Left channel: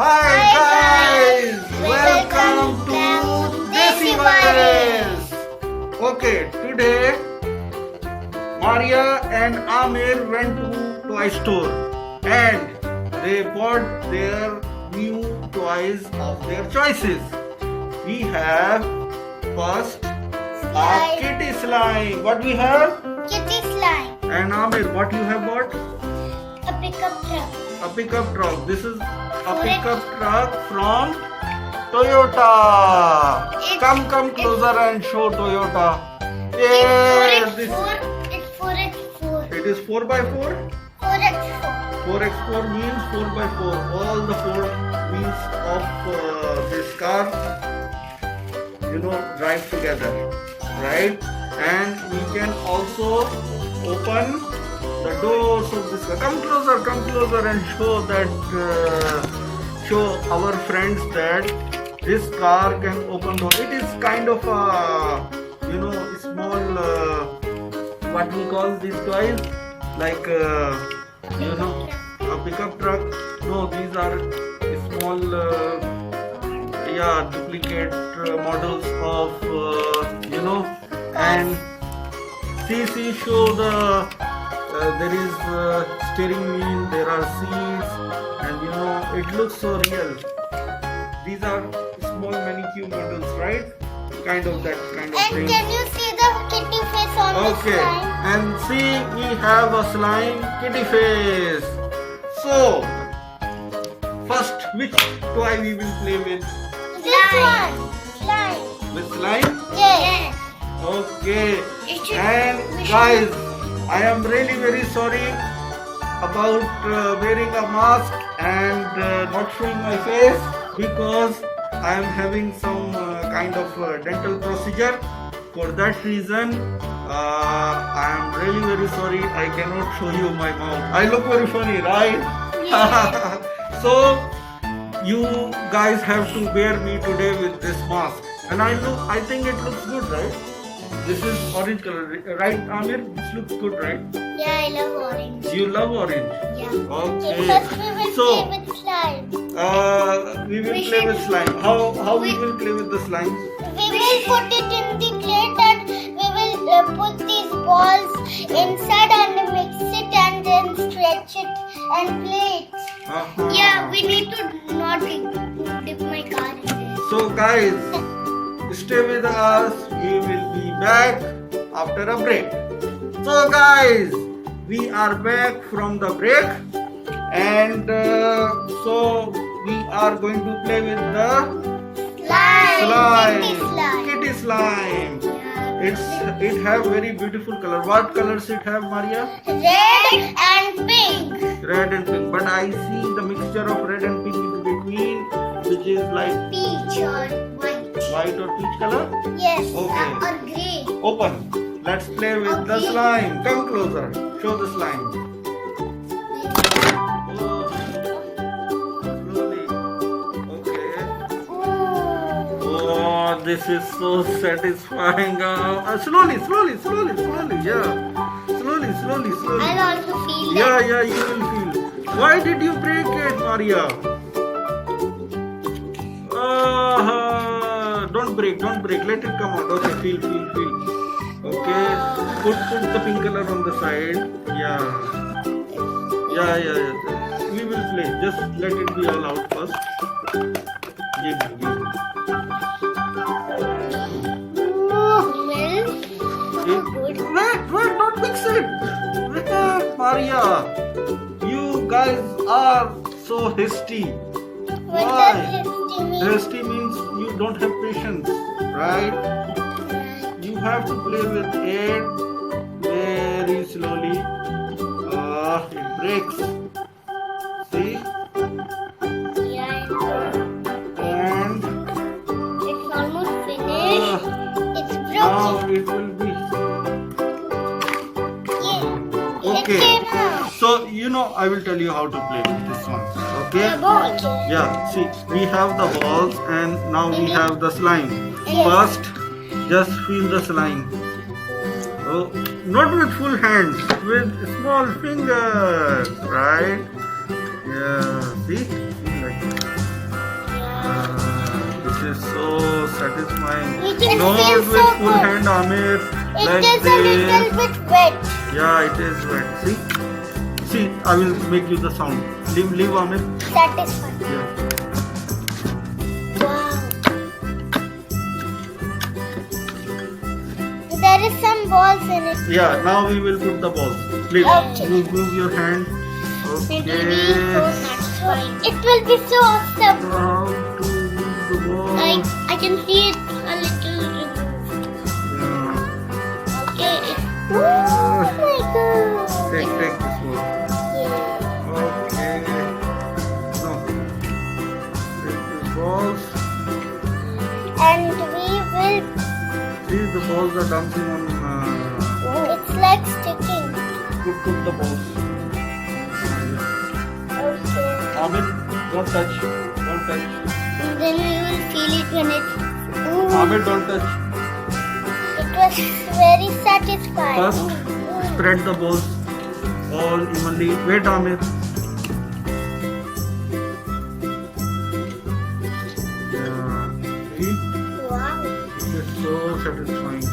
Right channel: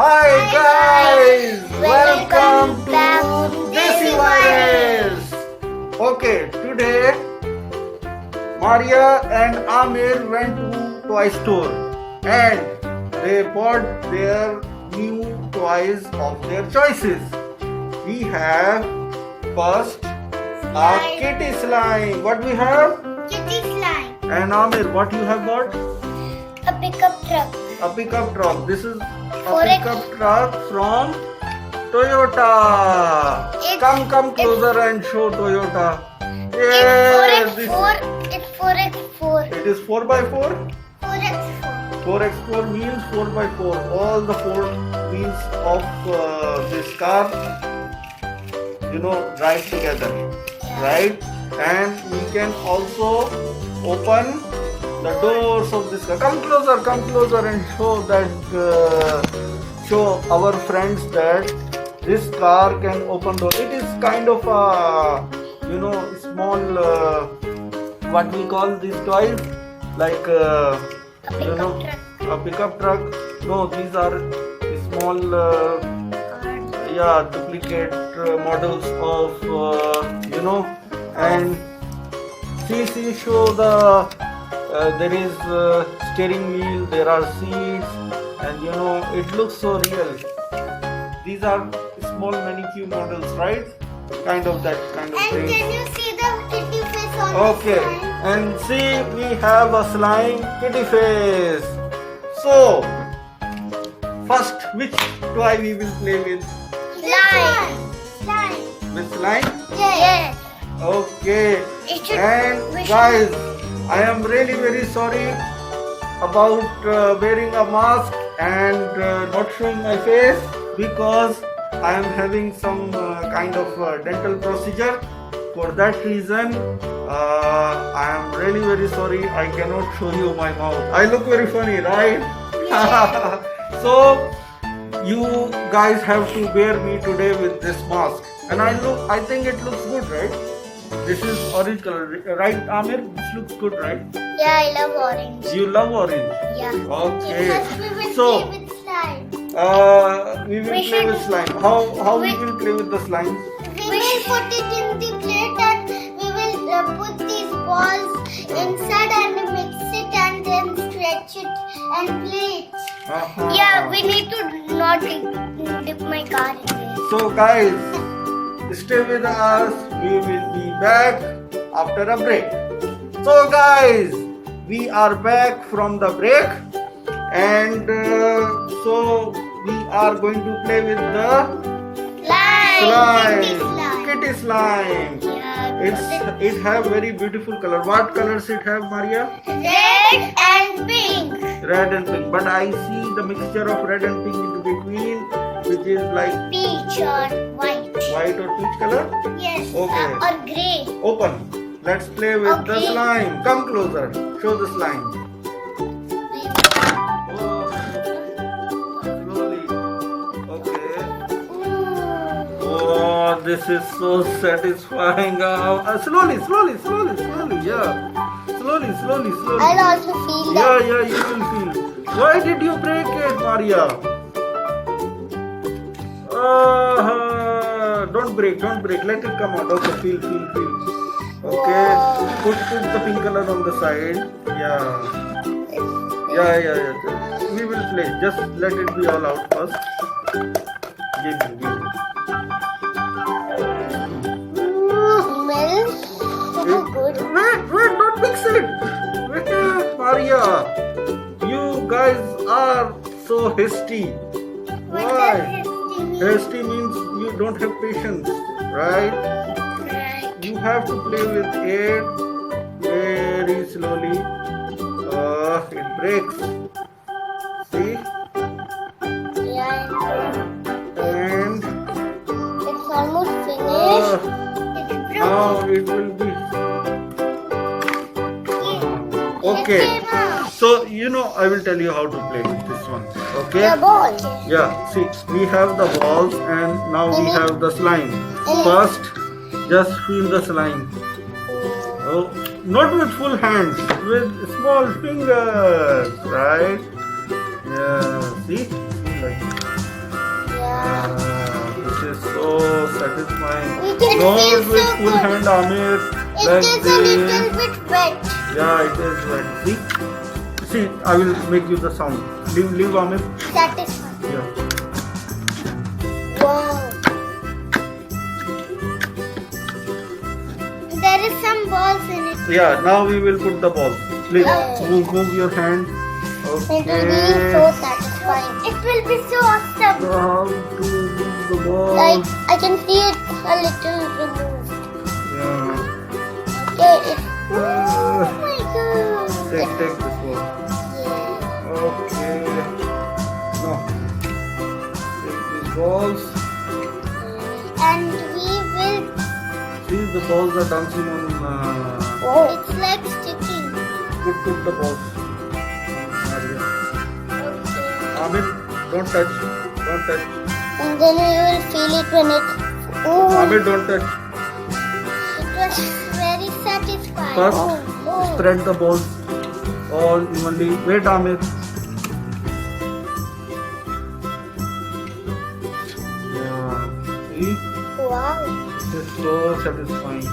Hi guys, welcome to Desi Virus. Okay, today Maria and Aamir went to toy store and they bought their new toys of their choices. We have first a kitty slime. What we have? Kitty slime. And Aamir, what you have bought? A pickup truck. A pickup truck. This is a pickup truck from Toyota. Come closer and show Toyota. Yeah, It's 4x4. it is 4x4. 4x4. 4x4 means 4x4. All the four wheels of this car, drive together, right? And we can also open the doors of this car. Come closer and show that, show our friends that this car can open door. It is kind of a, small, what we call these toys, like, a pickup truck. No, these are small, duplicate models of, and see, show the, there is steering wheel, there are seats, and it looks so real. These are small manicure models, right? Kind of that kind of And thing. can you see the kitty face on the Okay, slime? and see, we have a slime kitty face. So, first, which toy we will play with? Slime. With slime? Yeah. Okay. It should- And we should- guys, I am really very sorry about wearing a mask and not showing my face because I am having some kind of dental procedure. For that reason, I am really very sorry. I cannot show you my mouth. I look very funny, right? So you guys have to bear me today with this mask. And I think it looks good, right? This is orange color, right, Aamir? This looks good, right? Yeah, I love orange. You love orange. Yeah. Okay. Because we will So, play with slime. we will We play with should- slime. How we will play with the slime? We will put it in the plate and we will put these balls inside and mix it and then stretch it and play it. Uh-huh. Yeah, we need to not dip my car in it. So guys, stay with us. We will be back after a break. So guys, we are back from the break, and so we are going to play with the slime, kitty slime. It have very beautiful color. What colors it have, Maria? Red and pink. Red and pink. But I see the mixture of red and pink in between, which is like Peach or white. white or peach color. Yes. Okay. Or grey. Open. Let's play with the Okay. slime. Come closer. Show the slime. Oh, slowly. Okay. Oh, this is so satisfying. Slowly. Yeah. Slowly. I'll also feel that. Yeah, you will feel. Why did you break it, Maria? Don't break. Let it come out. Okay, feel. Okay, put the pink color on the side. Yeah. We will play. Just let it be all out first. Give me. Wait, don't mix it. Wait, Maria. You guys are so hasty. Why? Hasty means you don't have patience, right? You have to play with it very slowly. It breaks. See? And It's almost finished. It's now broken. it will be. Okay. So, I will tell you how to play with this one. Okay? The ball. Yeah, see, we have the balls and now we have the slime. First, just feel the slime. Oh, not with full hands, with small fingers, right? Yeah, see? Like This is so satisfying. It feels Not so with full good. hand, Aamir. It Like is a this. little bit wet. Yeah, it is wet. See? See, I will make you the sound. Leave, Aamir. Satisfying. Yeah. Wow. There is some balls in it. Yeah, now we will put the balls. Please, Okay. move your hand. It will be so Okay. satisfying. It will be so awesome. How to move the balls. Like I can see it a little removed. Yeah. Okay. Oh Uh, my god. take this ball. Yeah. Okay. No. Take these balls. And we will. See, the balls are dancing on. Oh, it's like sticking. Put the balls. Okay. Aamir, don't touch. Don't touch. And then we will feel it when it. Ooh, Aamir, don't touch. it was very satisfying. First, Oh. spread the balls all evenly. Wait, Aamir. Yeah. See, Wow. it is so satisfying.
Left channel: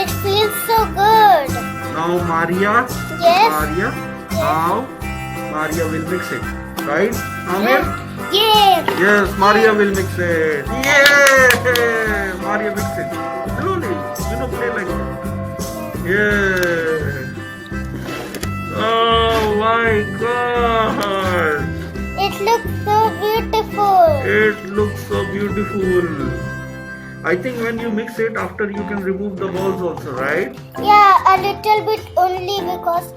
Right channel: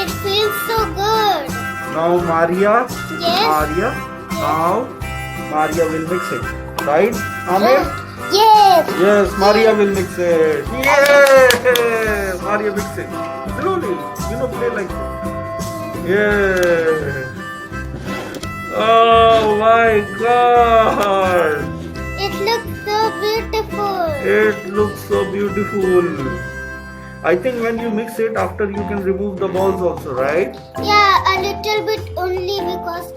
It feels so good. Now, Maria. Yes. Maria. Now, Maria will mix it. Right, Aamir? Yes. Yes, Maria will mix it. Yeah, Maria mix it. Slowly, play like that. Yeah. Oh my God! It looks so beautiful. It looks so beautiful. I think when you mix it, after you can remove the balls also, right? Yeah, a little bit only because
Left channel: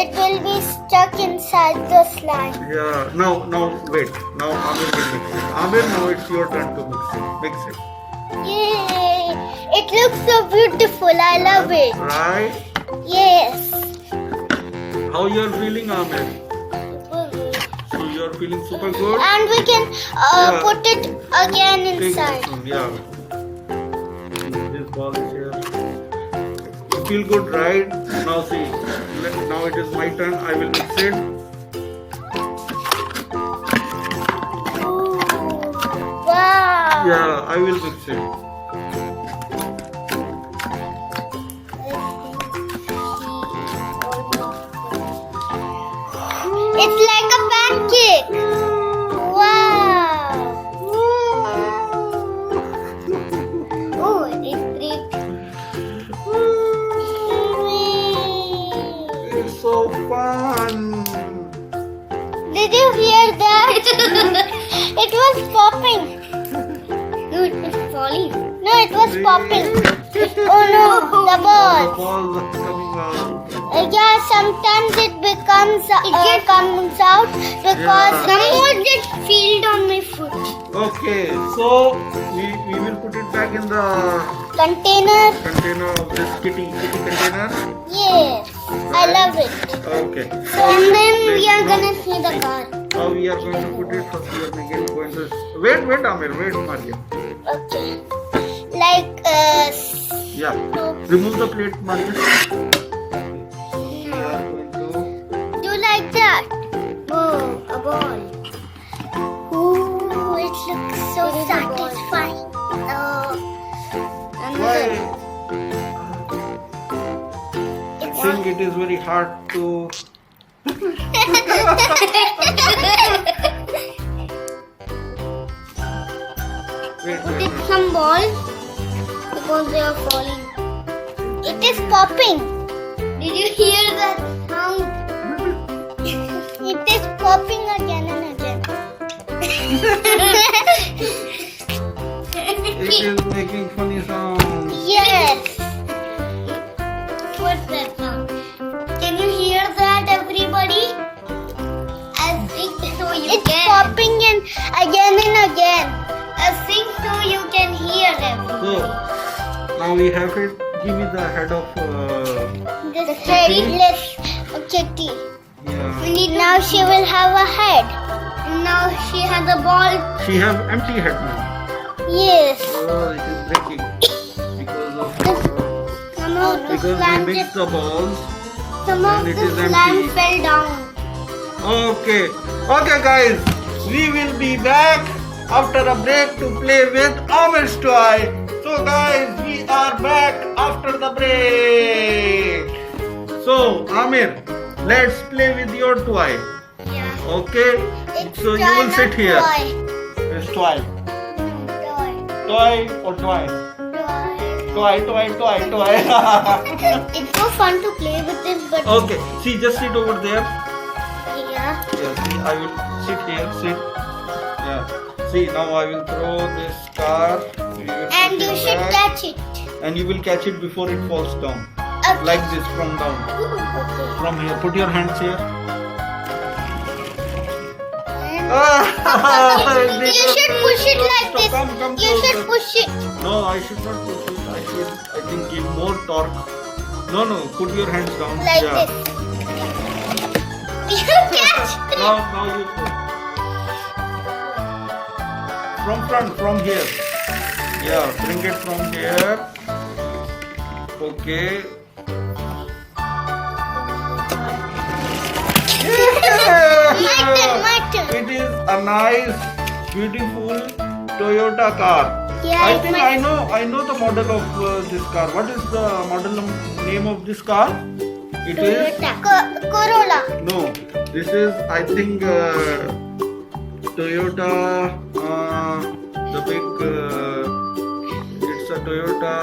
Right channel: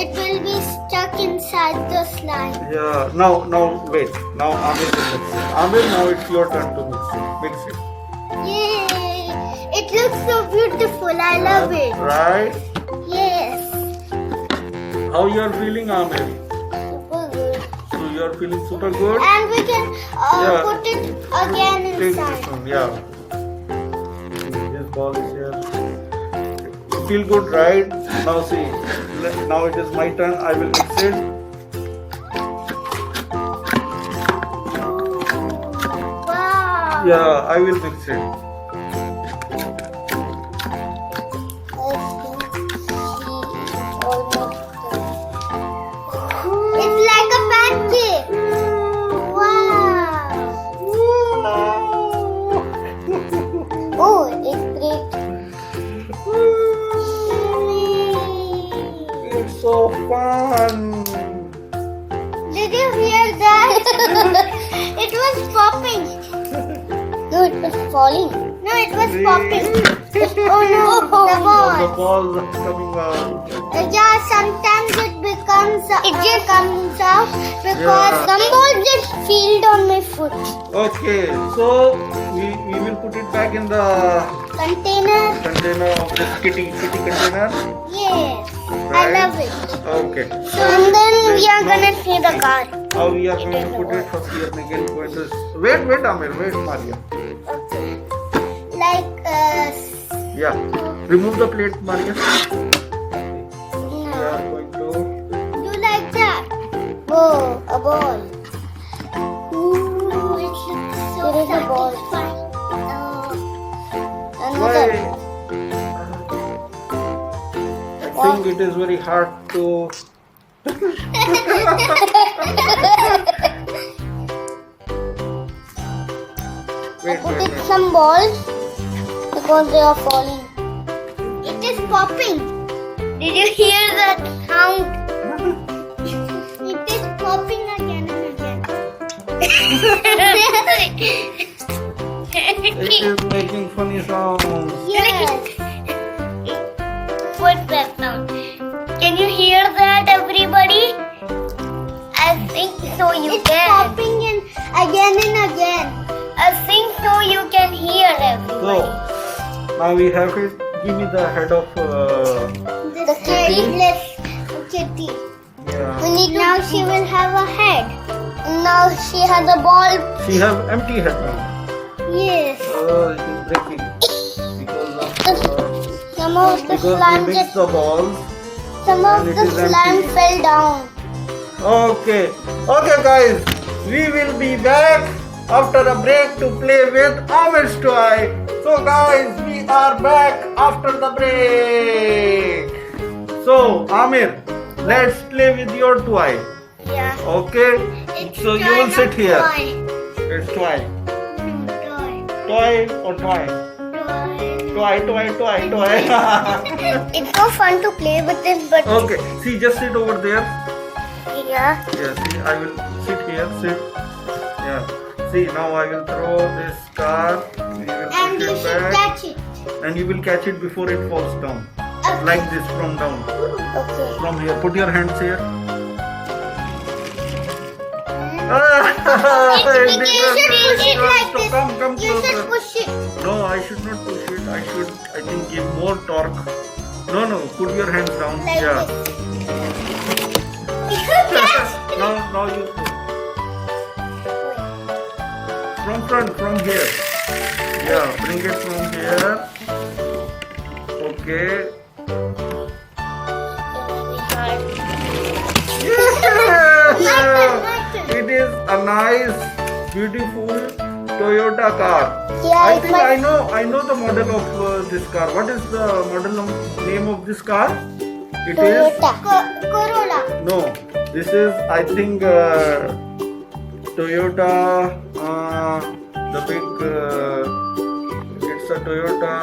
it will be stuck inside the slime. Yeah. Now wait. Now Aamir will mix it. Aamir, now it's your turn to mix it. Mix it. Yay! It looks so beautiful. I love it. Right? Yes. How you are feeling, Aamir? So you are feeling super good. And we can Yeah. put it again Take inside. this one, yeah. This ball is here. You feel good, right? Now see. Now it is my turn. I will mix it. Wow. Yeah, I will mix it. It's like a pancake. Wow. Oh, it's great. It's so fun. Did you hear that? It was popping. No, it was falling. No, it was popping. Oh no, the The ball. balls are coming out. Yeah, sometimes it becomes it just comes out because Yeah. some balls just peeled on my foot. Okay, so we will put it back in the Container. container of this kitty container. Yes, I Right. love it. Okay. And then we Let's are now- gonna see the card. How we are going to put it? First we are going to wait, Aamir, wait, Maria. Okay. Like Yeah. Remove the plate, Maria. We are going to. do like that. Oh, a ball. Ooh, it looks so satisfying. Why? I think it is very hard to. Wait. Putting some balls because they are falling. It is popping. Did you hear that sound? It is popping again and again. It is making funny sounds. Yes. What's that sound? Can you hear that, everybody? I think so. It's popping in again and again. I think so. You can hear everybody. So now we have it. Give me the head of. The tailless kitty. Yeah. We need now. She will have a head. And now she has a ball. She have empty head now. Yes. Oh, it is breaking Some of the because we slime mixed the balls. some of and it the is slime empty. fell down. Okay. Okay, guys. We will be back after a break to play with Aamir's toy. So, guys, we are back after the break. So, Aamir, let's play with your toy. Yeah. Okay. It's So you will kind sit of here. toy. It's toy. Toy. Toy or toy? Toy, toy, toy, toy. It's so fun to play with it, but Okay. See, just sit over there. yeah. Yeah, see, I will sit here, sit. Yeah. See, now I will throw this car. And you should catch it. And you will catch it before it falls down. Okay. Like this, from down. Okay. From here. Put your hands here. You should push it like this. Come You closer. should push it. No, I should not push it. I should, I think, give more torque. No, put your hands down. Like Yeah. this. You catch. Now you put. From front, from here. Yeah, bring it from here. Okay. My turn. It is a nice, beautiful Toyota car. Yeah, I it's think my- I know the model of this car. What is the model name of this car? It is Corolla. no. This is I think Toyota. The big. It's a Toyota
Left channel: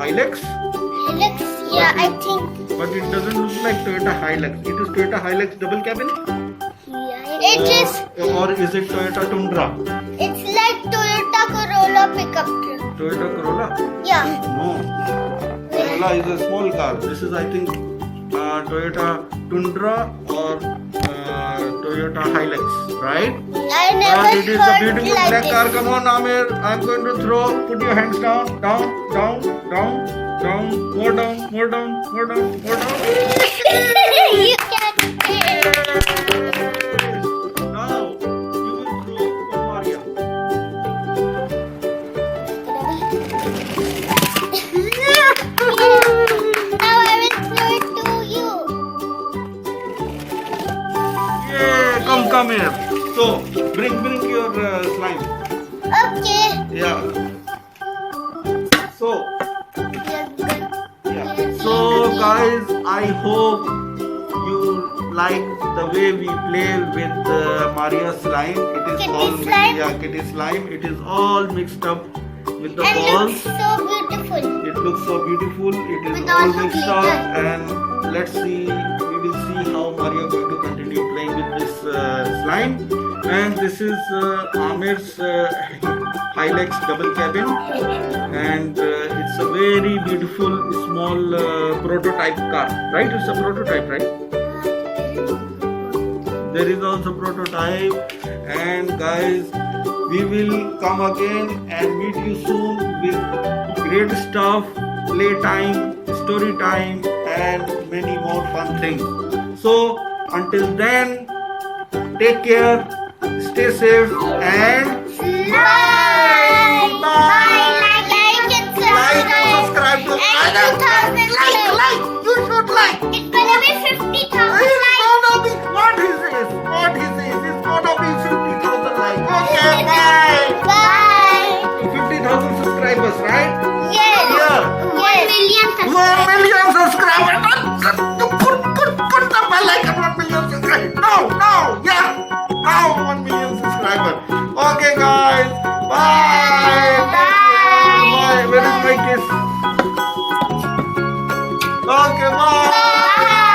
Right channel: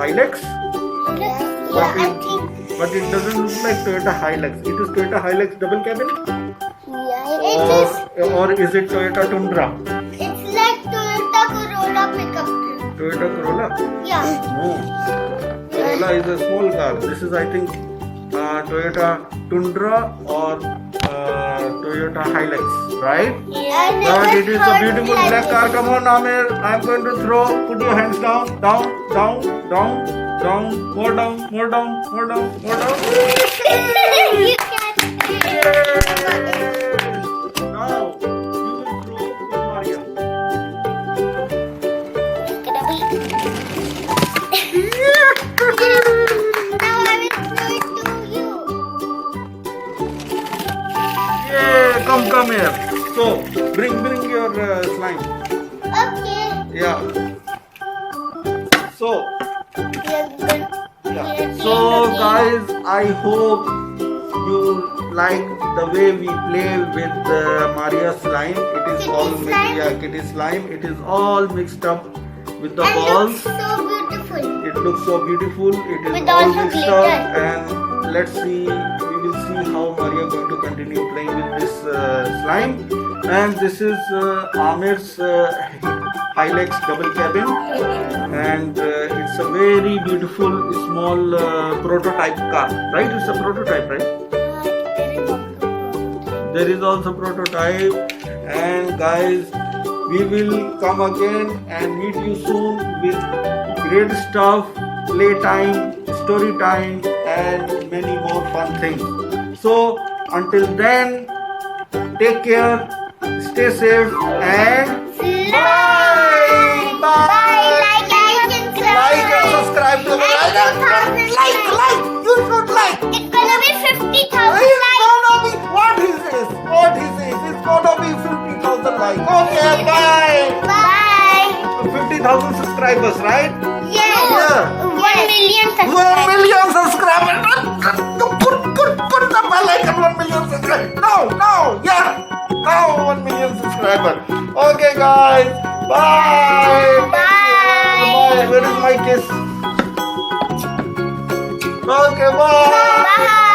Hilux. Yeah, I think. But it doesn't look like Toyota Hilux. It is Toyota Hilux double cabin. Yeah, it is. Or is it Toyota Tundra? It's like Toyota Corolla pickup truck. Toyota Corolla? Yeah. No. Corolla is a small car. This is, I think, Toyota Tundra or Toyota Hilux, right? And But it is a one beautiful like black this. car. Come on, Aamir. I'm going to throw. Put your hands down, down, down, down, down, more down, more down, more down, more down. You catch it. Now you will throw for Maria. Now I will throw it to you. Yeah, come here. So bring your slime. Okay. Yeah. So guys, I hope you like the way we play with Maria slime. It is Kitty all slime? yeah, kitty slime. It is all mixed up with the And balls. it's so beautiful. It looks so beautiful. It is With all also mixed glitter. up, and let's see. We will see how Maria going to continue playing with this slime. And this is Aamir's Hilux double cabin, and it's a very beautiful small prototype car. Right? It's a prototype, right? There is also prototype, and guys, we will come again and meet you soon with great stuff, playtime, story time, and many more fun things. So until then, take care, stay safe, and bye. Like and subscribe to like. You should like. It's gonna be 50,000 It's likes. gonna be what is this? What is this? It's gonna be 50,000 likes. Okay, bye. Bye. 50,000 subscribers, right? Yeah. Yeah. 1 million 1 million subscribers. Put the bell icon. 1 million subscribers. No, yeah. Now 1 million subscribers. Okay, guys. Bye. Bye. Where is my kiss? Okay, bye. Bye.